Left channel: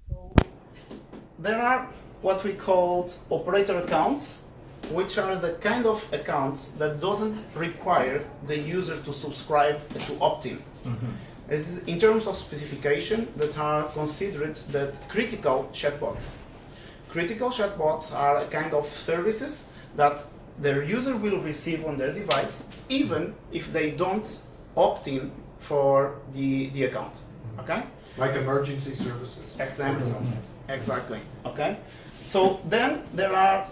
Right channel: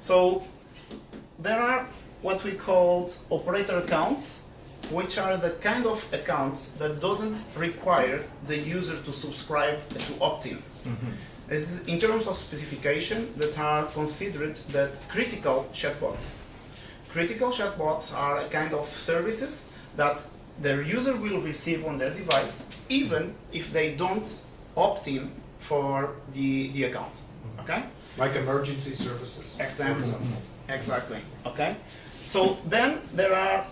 So there are what we call operator accounts, which are the kind of accounts that doesn't require the user to subscribe to opt-in. This is in terms of specification that are considered that critical chatbots. Critical chatbots are a kind of services that their user will receive on their device, even if they don't opt in for the account. Okay? Like emergency services. Exactly. Exactly. Okay? So then there are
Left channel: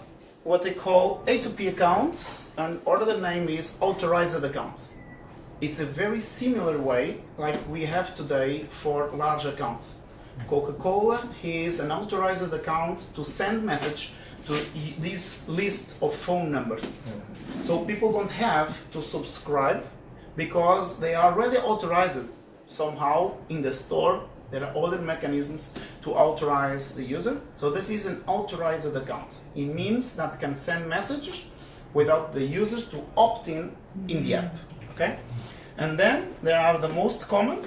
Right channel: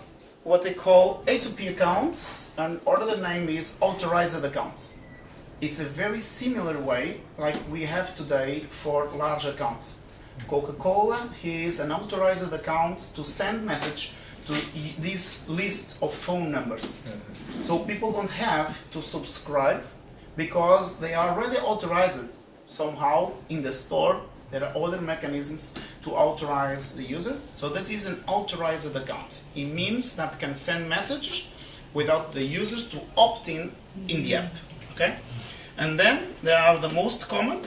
what they call A2P accounts, and other name is authorized accounts. It's a very similar way like we have today for large accounts. Coca-Cola is an authorized account to send message to this list of phone numbers. So people don't have to subscribe because they are already authorized somehow in the store. There are other mechanisms to authorize the user. So this is an authorized account. It means that can send messages without the users to opt in the app. Okay? And then there are the most common,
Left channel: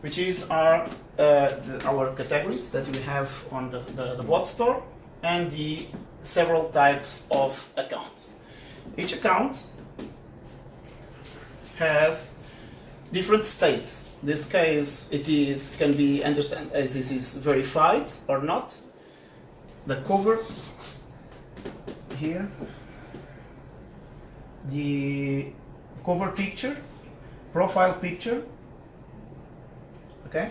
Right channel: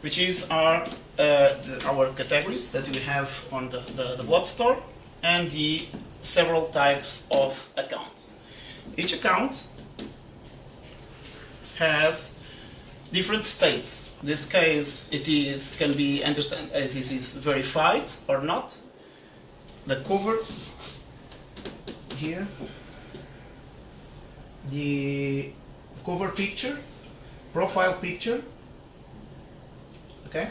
which is our categories that we have on the bot store, and the several types of accounts. Each account has different states. In this case, can be understood as this is verified or not. The cover here, the cover picture, profile picture. Okay,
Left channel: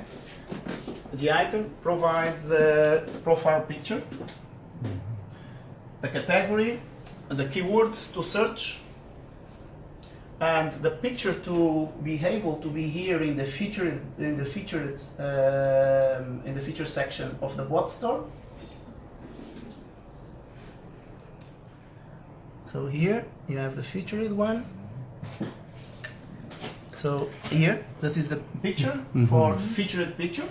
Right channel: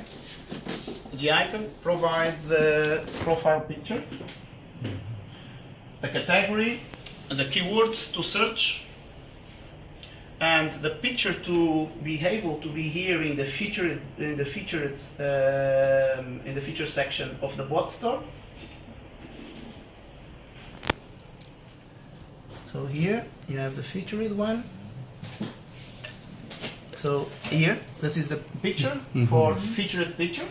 the icon provides the profile picture, the category, the keywords to search, and the picture to be able to be here in the featured section of the bot store. So here you have the featured one. So here, this is the picture for featured picture.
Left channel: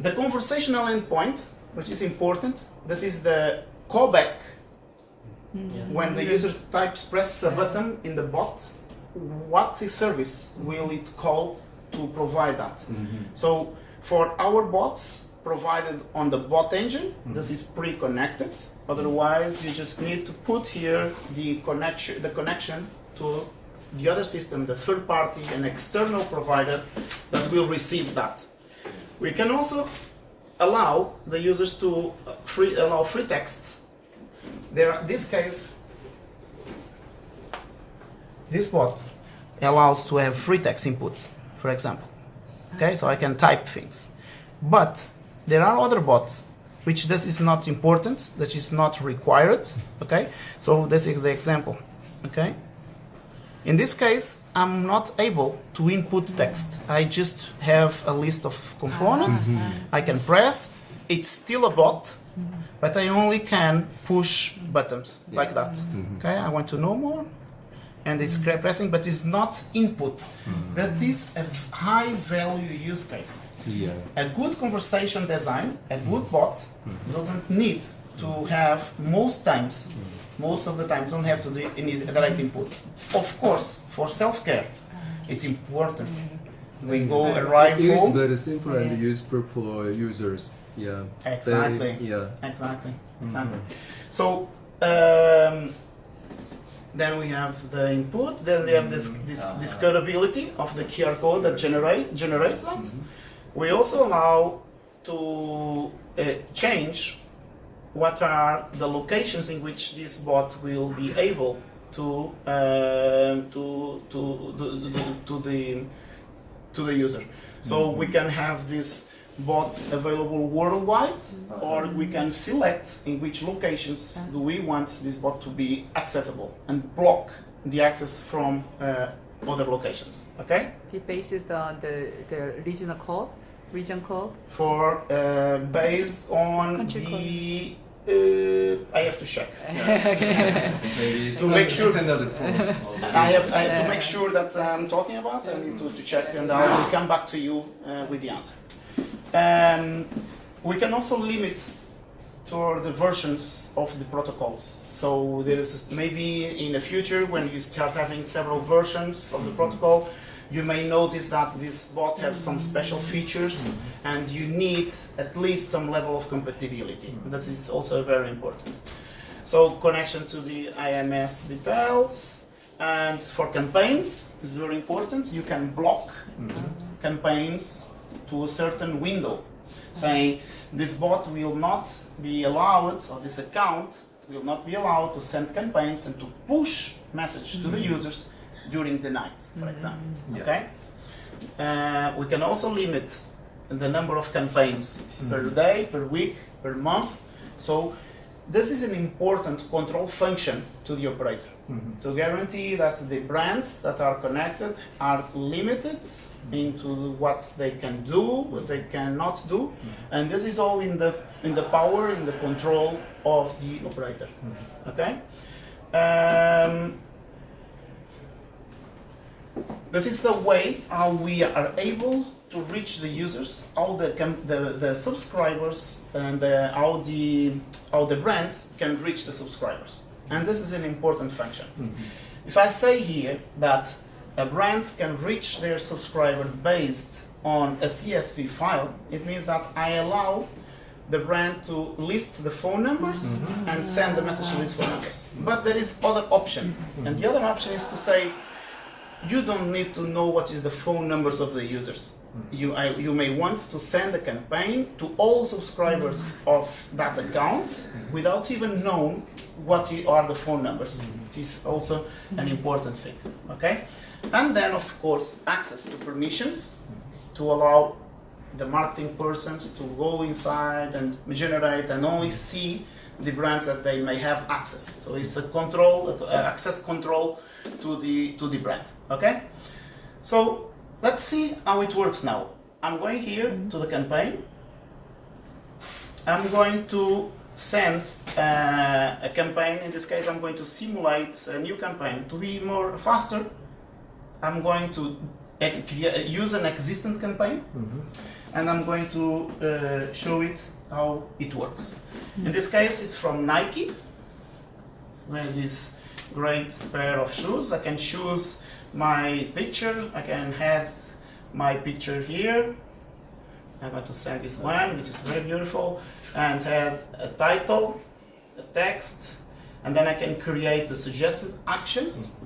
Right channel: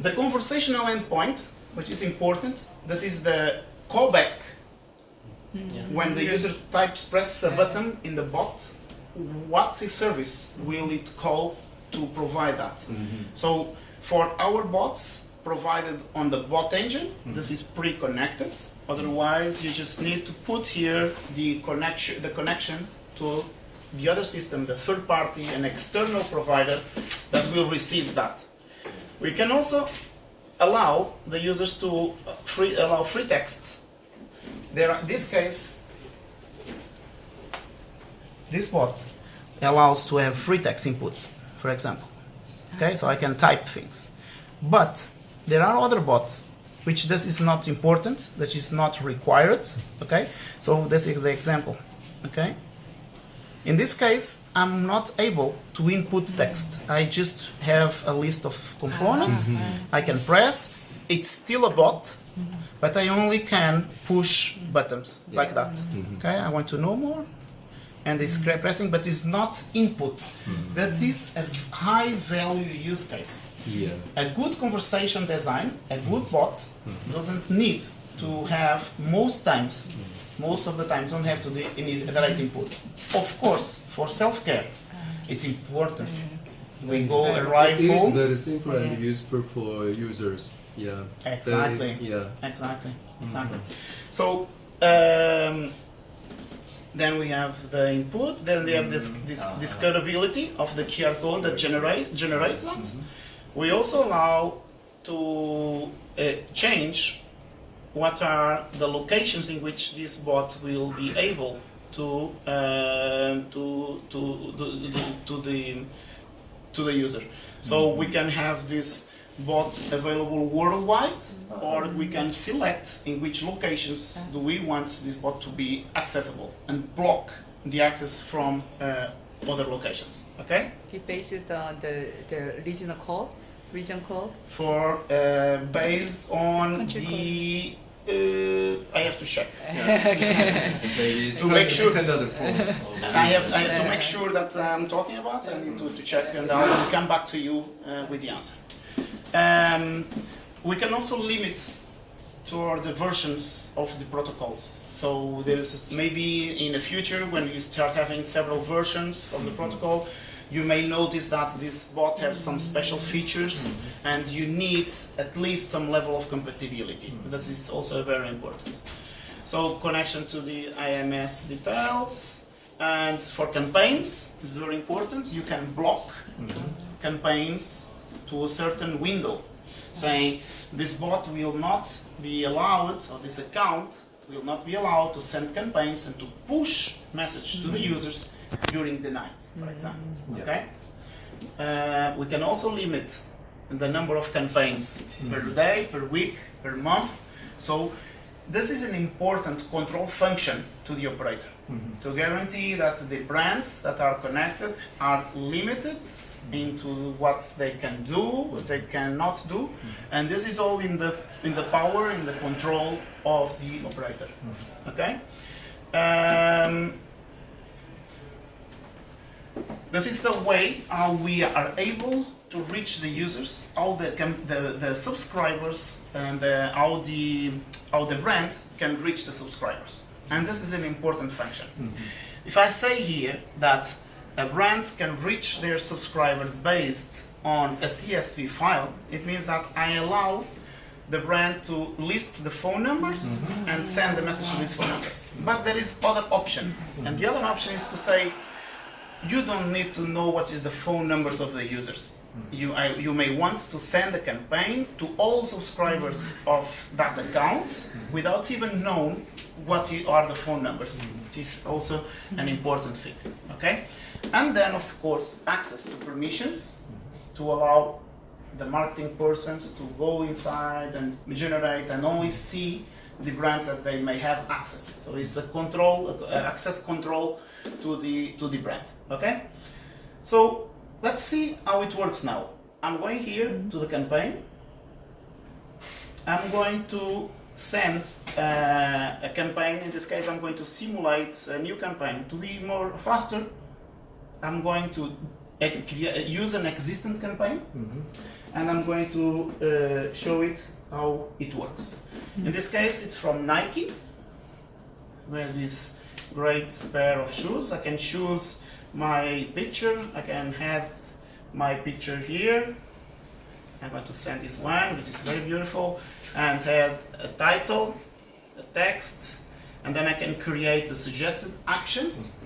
The conversational endpoint, which is important, this is the callback. When the user presses a button in the bot, what service will it call to provide that? So for our bots provided on the bot engine, this is pre-connected. Otherwise, you just need to put here the connection to the other system, the third party, an external provider that will receive that. We can also allow the users to allow free text. This case, this bot allows to have free text input, for example. Okay, so I can type things. But there are other bots which this is not important, that is not required. Okay, so this is the example. Okay. In this case, I'm not able to input text. I just have a list of components. I can press. It's still a bot, but I only can push buttons like that. Okay, I want to know more. And it's pressing, but it's not input. That is a high value use case. Yeah. A good conversation design, a good bot doesn't need to have most of the times don't have to do any direct input. Of course, for self-care, it's important. We go arrive It is home. very simple and useful for users. Yeah. Exactly. Exactly. So then we have the input. Then we have this discoverability of the QR code that generates that. We also allow to change what are the locations in which this bot will be able to the user. So we can have this bot available worldwide, or we can select in which locations do we want this bot to be accessible and block the access from other locations. Okay? It bases on the regional code. Region code? For based on Country the I have to check. Maybe To make sure- standard form. I have to make sure that I'm talking about. I need to check, and I will come back to you with the answer. We can also limit to the versions of the protocols. So there's maybe in the future when you start having several versions of the protocol, You may notice that this bot has some special features and you need at least some level of compatibility. This is also very important. So connection to the IMS details, and for campaigns is very important. You can block campaigns to a certain window, saying this bot will not be allowed, or this account will not be allowed to send campaigns and to push message to the users during the night, for example. Yeah. Okay. We can also limit the number of campaigns per day, per week, per month. So this is an important control function to the operator to guarantee that the brands that are connected are limited into what they can do, what they cannot do, and this is all in the power, in the control of the operator. Okay. This is the way how we are able to reach the users, how the subscribers, and how the brands can reach the subscribers. And this is an important function. If I say here that a brand can reach their subscriber based on a CSV file, it means that I allow the brand to list the phone numbers and send the message to these phone numbers. But there is other option, and the other option is to say, you don't need to know what is the phone numbers of the users. You may want to send a campaign to all subscribers of that account without even knowing what are the phone numbers. It is also an important thing. Okay, and then of course access to permissions to allow the marketing persons to go inside and generate and only see the brands that they may have access. So it's a control, access control to the brand. Okay, so let's see how it works now. I'm going here to the campaign. I'm going to send a campaign. In this case, I'm going to simulate a new campaign to be more faster. I'm going to use an existing campaign, and I'm going to show it how it works. In this case, it's from Nike. With this great pair of shoes, I can choose my picture. I can have my picture here. I'm going to send this one, which is very beautiful, and have a title, a text, and then I can create the suggested actions.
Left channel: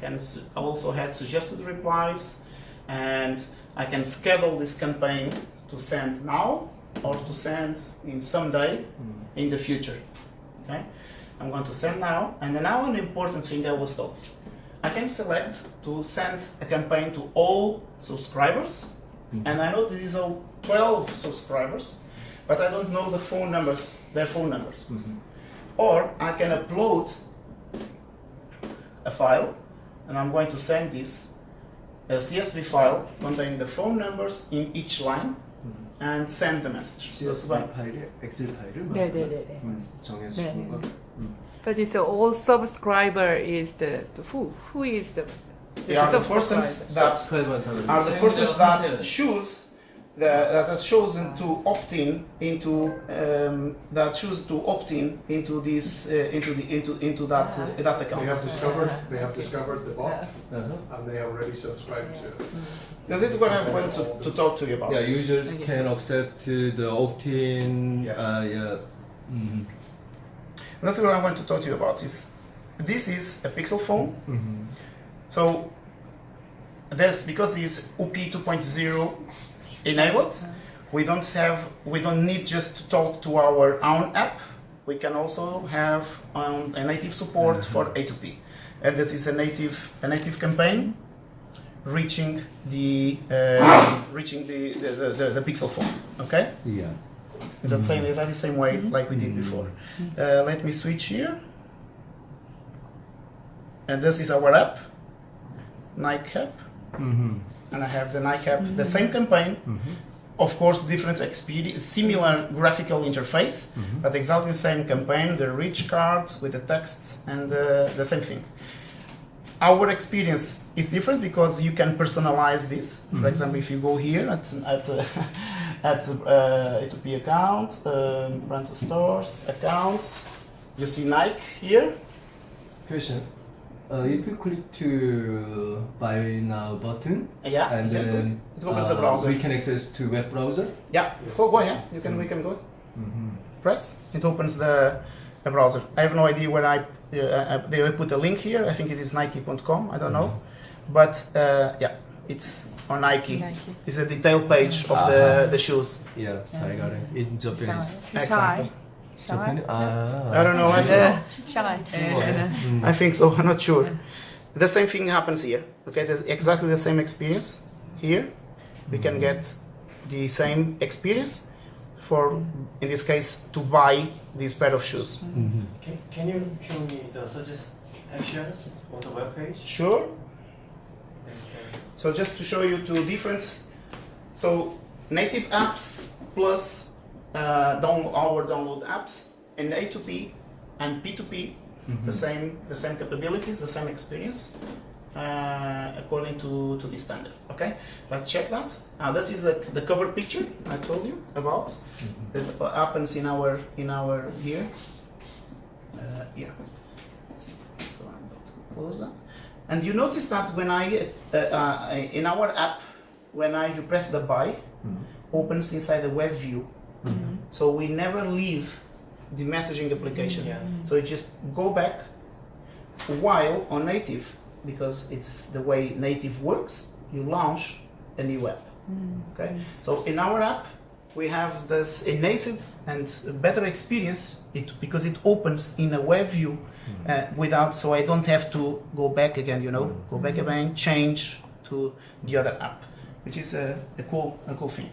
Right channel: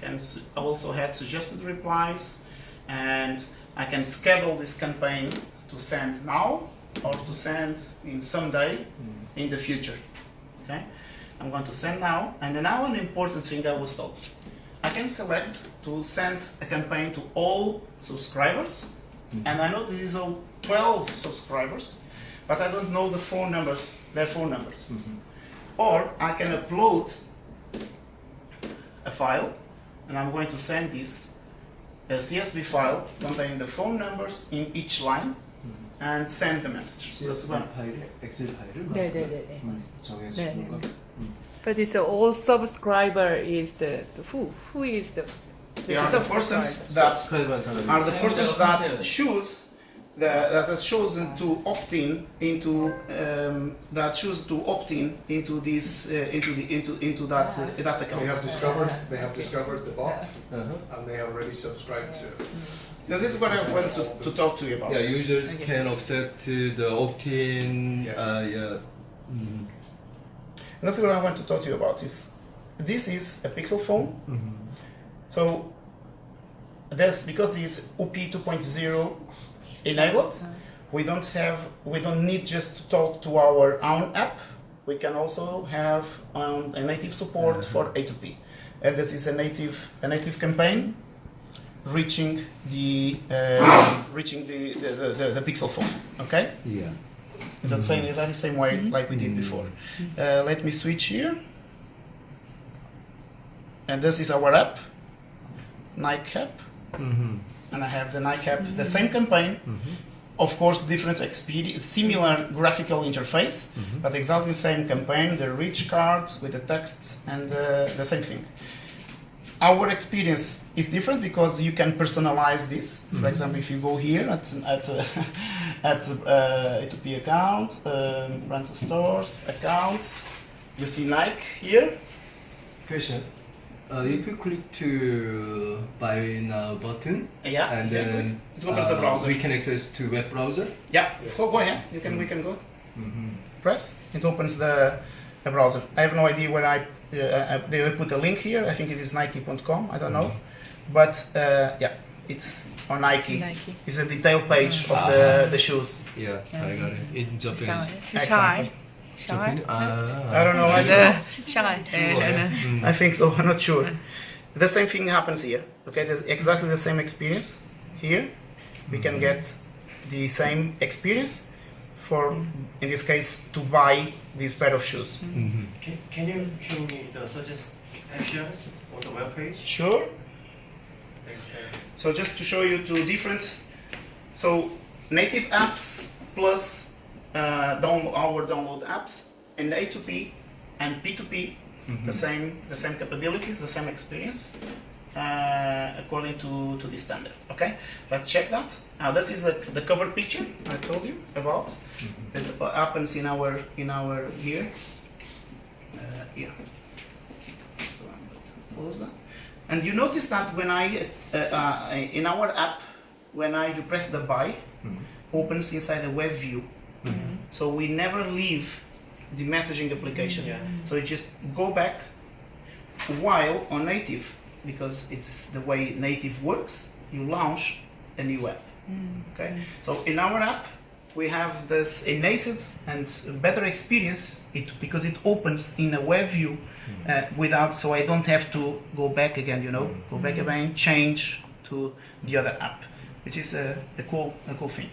Can also have suggested replies, and I can schedule this campaign to send now or to send in some day in the future. Okay, I'm going to send now, and then now an important thing I was told. I can select to send a campaign to all subscribers, and I know there is all 12 subscribers, but I don't know the phone numbers, their phone numbers. Or I can upload a file, and I'm going to send this a CSV file containing the phone numbers in each line, and send the message. CSV 파일에 엑셀 파일을 네. 정해서 네, 주는 거. But it's all subscriber is the who is the They are the persons that subscribe 사람이. are the persons that choose that has chosen to opt in into that choose to opt in into this into that that account. They have discovered the bot, and they have already subscribed to it. Now this is what I want to talk to you about. Yeah, users can accept the opt-in. Yes. That's what I want to talk to you about. This is a Pixel phone. So that's because this UP 2.0 enabled. We don't need just to talk to our own app. We can also have a native support for A2P. And this is a native campaign reaching the Pixel phone. Okay. Yeah. In that same exactly same way like we did before. Let me switch here. And this is our app, Nike app. And I have the Nike app, the same campaign. Of course, different experience, similar graphical interface, but exactly the same campaign, the rich cards with the text and the same thing. Our experience is different because you can personalize this. For example, if you go here at A2P account, brand stores, accounts, you see Nike here. Question. if you click to buy now button, Yeah, and okay, then good. It opens the browser. we can access to web browser. Yeah, go ahead. We can go. Press. It opens the browser. I have no idea where they will put a link here. I think it is Nike.com. I don't know, but yeah, it's on Nike. Nike. It's a detail page of the shoes. Yeah, I got it. In Japanese. Shy. Japanese. I don't know. Shy. I think so. I'm not sure. The same thing happens here. Okay, there's exactly the same experience here. We can get the same experience for, in this case, to buy this pair of shoes. Can you show me the suggest actions on the web page? Sure. Thanks, Karen. So just to show you two different, so native apps plus our download apps in A2P and P2P, the same capabilities, the same experience, according to the standard. Okay, let's check that. Now this is the cover picture I told you about. It happens in our here. Here. So I'm going to close that. And you notice that when I in our app, when I press the buy, opens inside the web view. So we never leave the messaging application. Yeah. So it just go back. While on native, because it's the way native works, you launch a new app. Okay. So in our app, we have this innate and better experience because it opens in a web view without, so I don't have to go back again, go back again, change to the other app, which is a cool thing.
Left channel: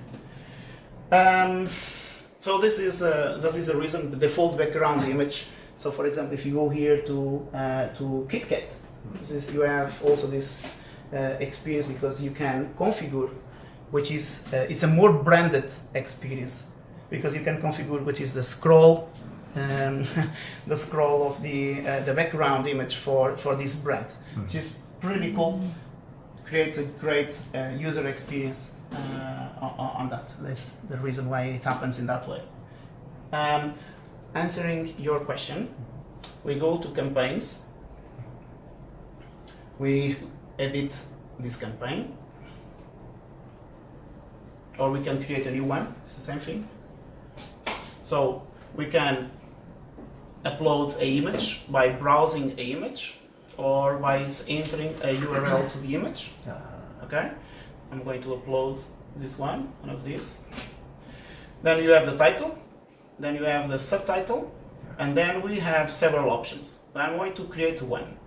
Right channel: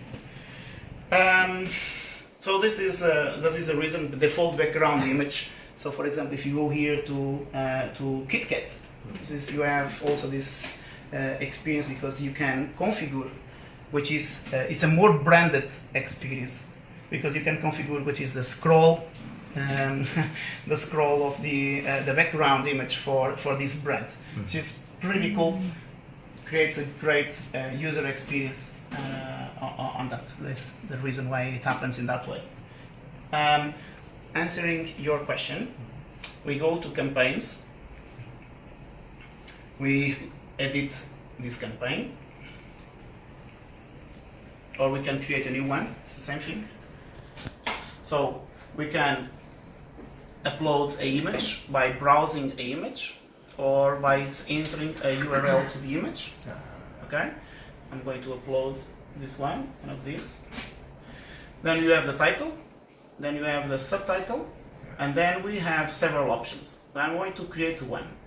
So this is a reason, the default background image. So for example, if you go here to KitKat, you have also this experience because you can configure, which is it's a more branded experience because you can configure which is the scroll, the scroll of the background image for this brand, which is pretty cool. Creates a great user experience on that. That's the reason why it happens in that way. Answering your question, we go to campaigns. We edit this campaign, or we can create a new one. It's the same thing. So we can upload an image by browsing an image or by entering a URL to the image. Okay, I'm going to upload this one of these. Then you have the title, then you have the subtitle, and then we have several options. I'm going to create one.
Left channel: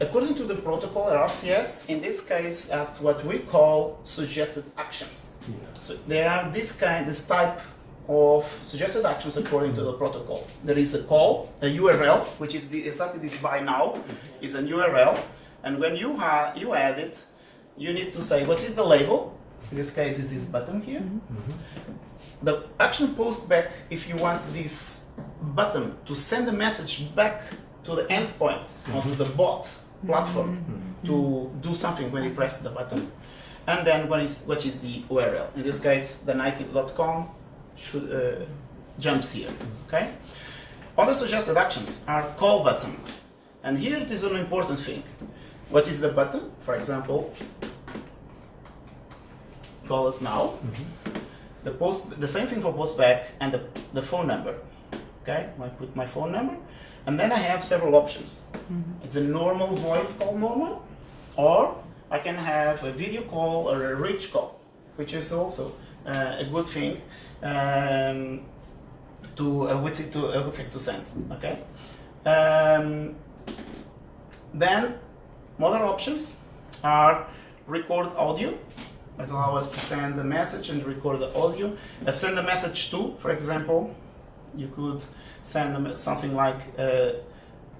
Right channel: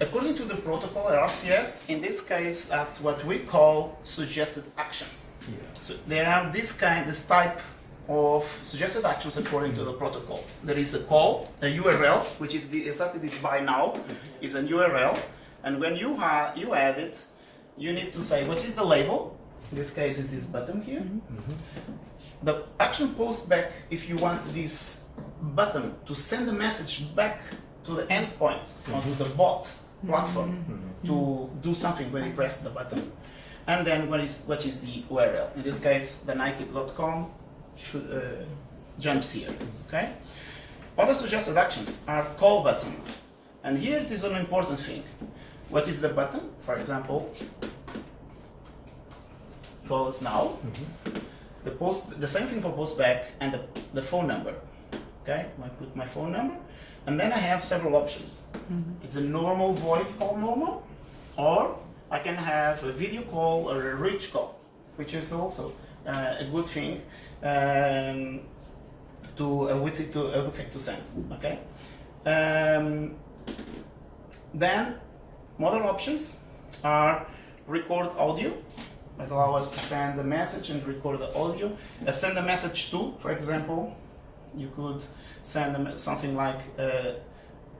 According to the protocol RCS, in this case, at what we call suggested actions. So there are this type of suggested actions according to the protocol. There is a call, a URL, which is exactly this buy now, is an URL, and when you add it, you need to say what is the label. In this case, is this button here. The action post back, if you want this button to send a message back to the endpoint or to the bot platform to do something when you press the button, and then what is the URL? In this case, the Nike.com jumps here. Okay. Other suggested actions are call button, and here it is an important thing. What is the button? For example, call us now. The same thing for post back and the phone number. Okay, I put my phone number, and then I have several options. It's a normal voice call, normal, or I can have a video call or a rich call, which is also a good thing a good thing to send. Okay. Then other options are record audio. That allows us to send a message and record the audio. Send a message to, for example, you could send something like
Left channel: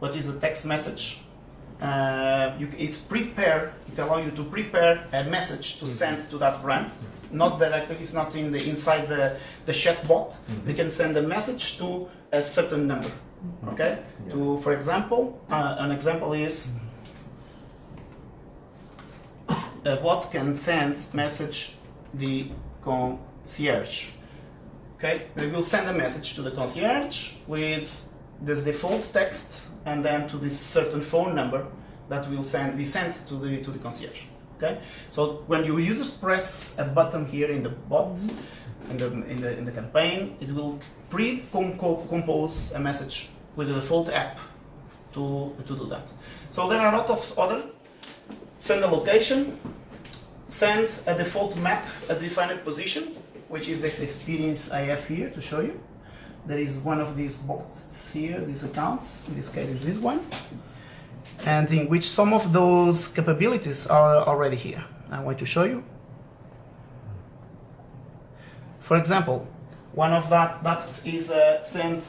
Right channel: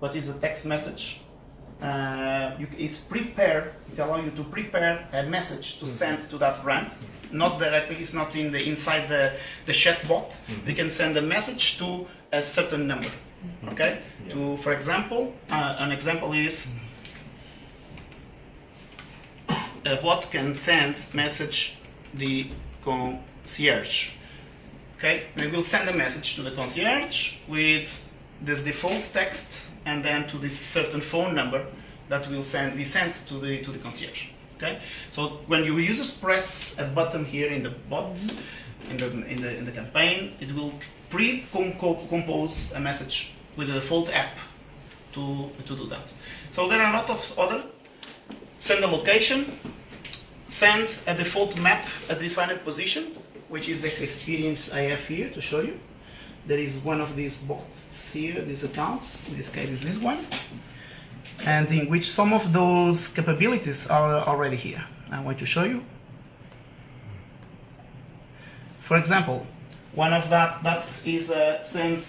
what is a text message. It's prepare. It allows you to prepare a message to send to that brand, not directly. It's not inside the chat bot. You can send a message to a certain number. Okay. To, for example, an example is a bot can send message the concierge. Okay, we will send a message to the concierge with this default text and then to this certain phone number that will be sent to the concierge. Okay, so when your users press a button here in the bot, in the campaign, it will pre-compose a message with the default app to do that. So there are a lot of other. Send a location, send a default map at defined position, which is the experience I have here to show you. There is one of these bots here, these accounts, in this case is this one, and in which some of those capabilities are already here. I want to show you. For example, one of that is send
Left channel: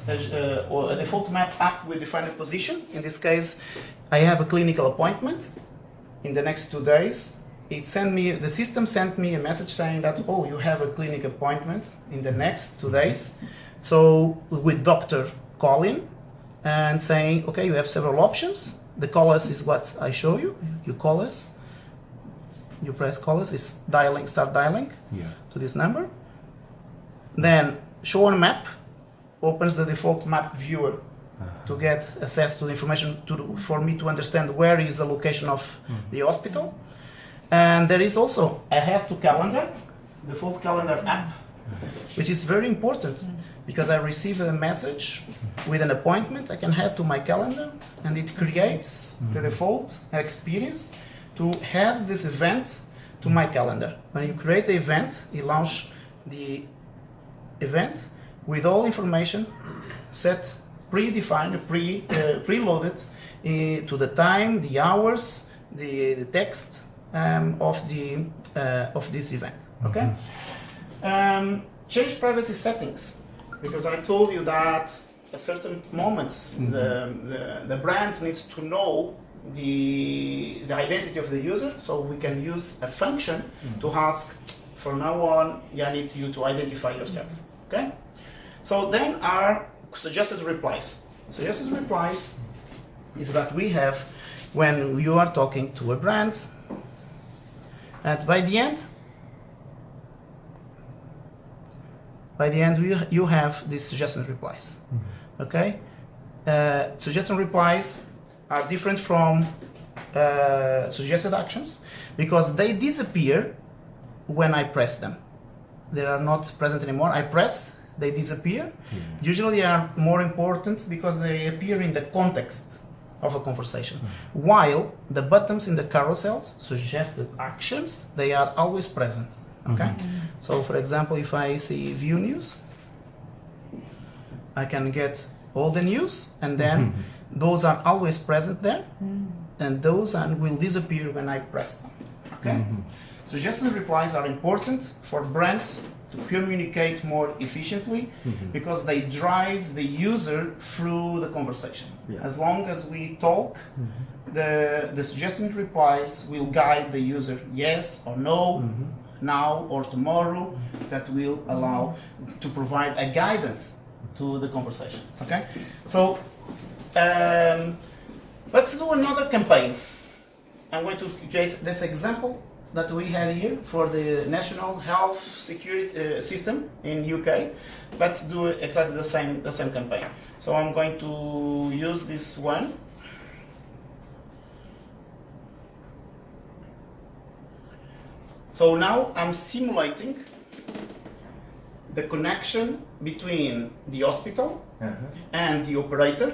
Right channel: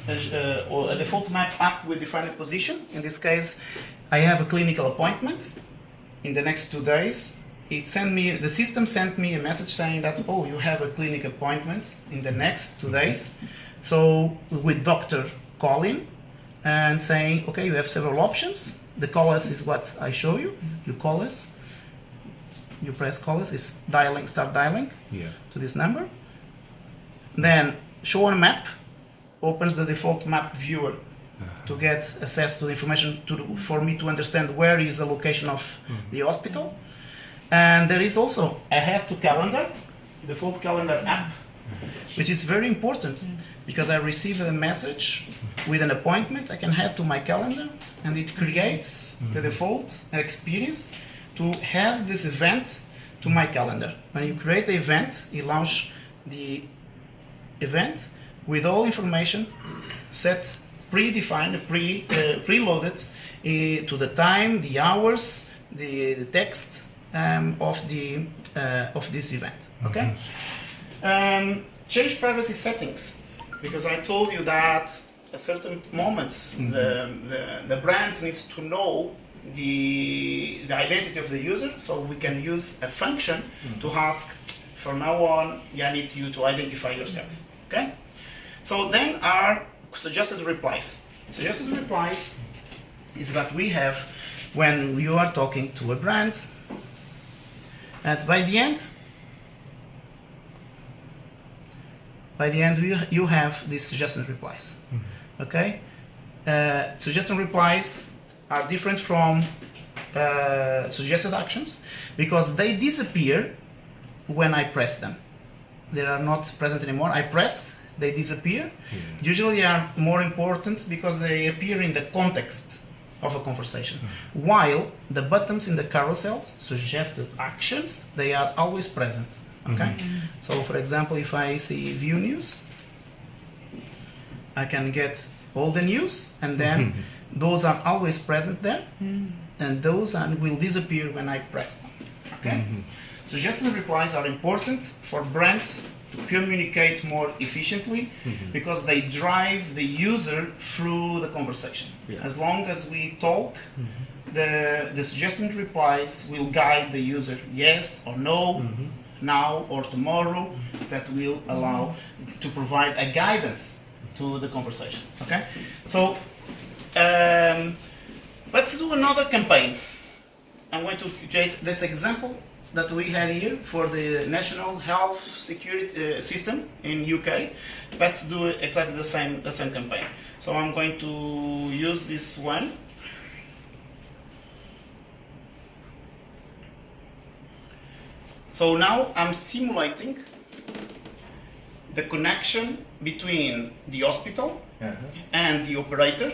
or a default map app with defined position. In this case, I have a clinical appointment in the next 2 days. The system sent me a message saying that, oh, you have a clinic appointment in the next 2 days. So with doctor calling and saying, okay, you have several options. The call us is what I show you. You call us, you press call us, it's dialing, start dialing to this number. Then show on map opens the default map viewer to get access to the information for me to understand where is the location of the hospital. And there is also a head to calendar, default calendar app, which is very important because I receive a message with an appointment. I can head to my calendar and it creates the default experience to have this event to my calendar. When you create the event, it launches the event with all information set, predefined, preloaded to the time, the hours, the text of this event. Okay. Change privacy settings, because I told you that at certain moments the brand needs to know the identity of the user, so we can use a function to ask, from now on, I need you to identify yourself. Okay. So then are suggested replies. Suggested replies is what we have when you are talking to a brand, and by the end you have these suggested replies. Okay. Suggested replies are different from suggested actions because they disappear when I press them. They are not present anymore. I press, they disappear. Usually they are more important because they appear in the context of a conversation. While the buttons in the carousels, suggested actions, they are always present. Okay. So for example, if I see view news, I can get all the news, and then those are always present there, and those will disappear when I press them. Okay. Suggested replies are important for brands to communicate more efficiently because they drive the user through the conversation. As long as we talk, the suggested replies will guide the user, yes or no, now or tomorrow. That will allow to provide a guidance to the conversation. Okay, so let's do another campaign. I'm going to create this example that we had here for the National Health Security System in UK. Let's do exactly the same campaign. So I'm going to use this one. So now I'm simulating the connection between the hospital and the operator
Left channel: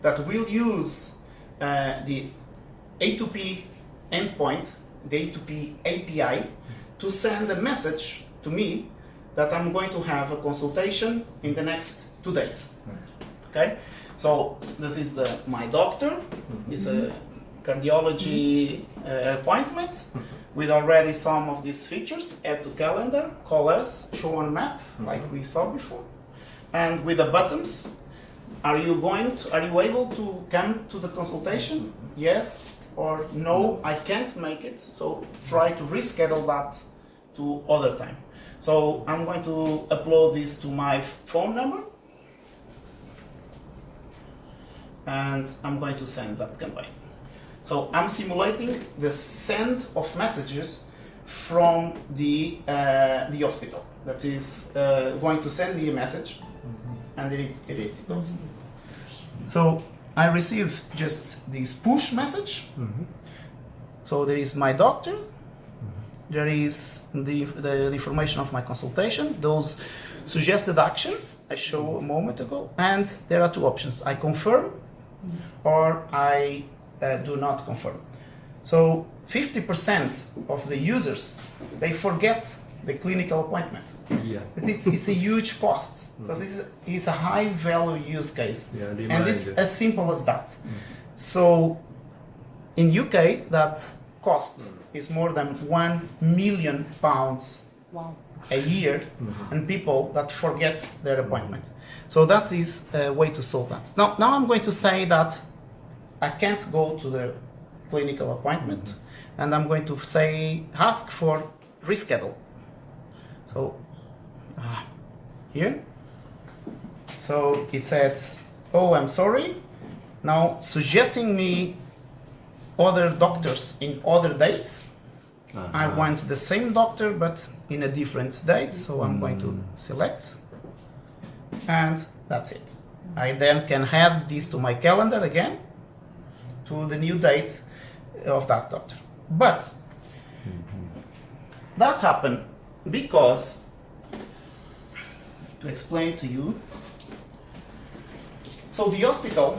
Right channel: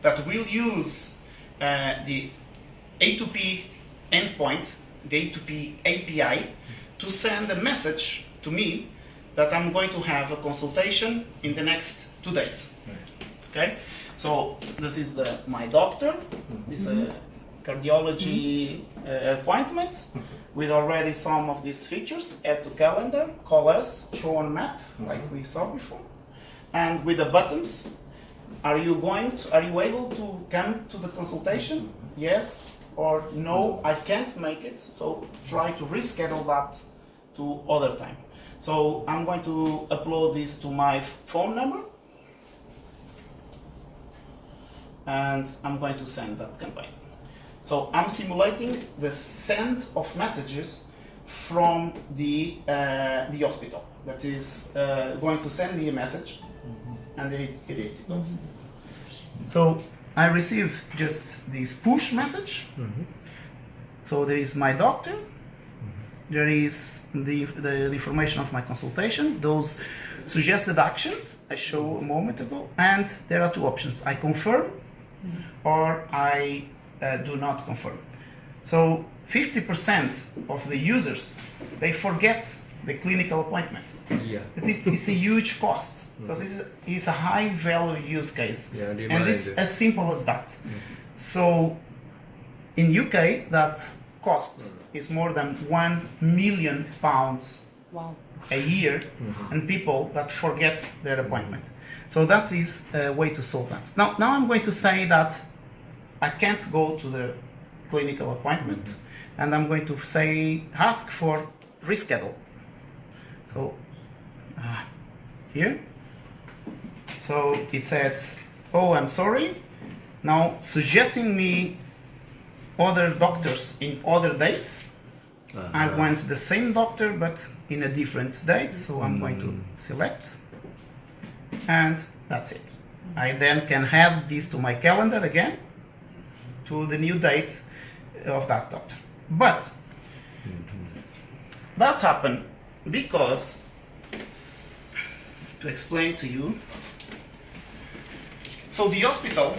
that will use the A2P endpoint, the A2P API, to send a message to me that I'm going to have a consultation in the next 2 days. Okay, so this is my doctor. It's a cardiology appointment with already some of these features. Add to calendar, call us, show on map, like we saw before, and with the buttons. Are you able to come to the consultation? Yes or no, I can't make it, so try to reschedule that to other time. So I'm going to upload this to my phone number, and I'm going to send that campaign. So I'm simulating the send of messages from the hospital that is going to send me a message, and it goes. So I receive just this push message. So there is my doctor, there is the information of my consultation, those suggested actions I showed a moment ago, and there are two options. I confirm or I do not confirm. So 50% of the users, they forget the clinical appointment. Yeah. It's a huge cost. So this is a high value use case. Yeah, and it's reminder. as simple as that. So in UK, that cost is more than £1 million Wow. a year, and people that forget their appointment. So that is a way to solve that. Now I'm going to say that I can't go to the clinical appointment, and I'm going to say ask for reschedule. So here, so it says, oh, I'm sorry, now suggesting me other doctors in other dates. I want the same doctor but in a different date, so I'm going to select, and that's it. I then can add this to my calendar again, to the new date of that doctor. But that happened because, to explain to you, so the hospital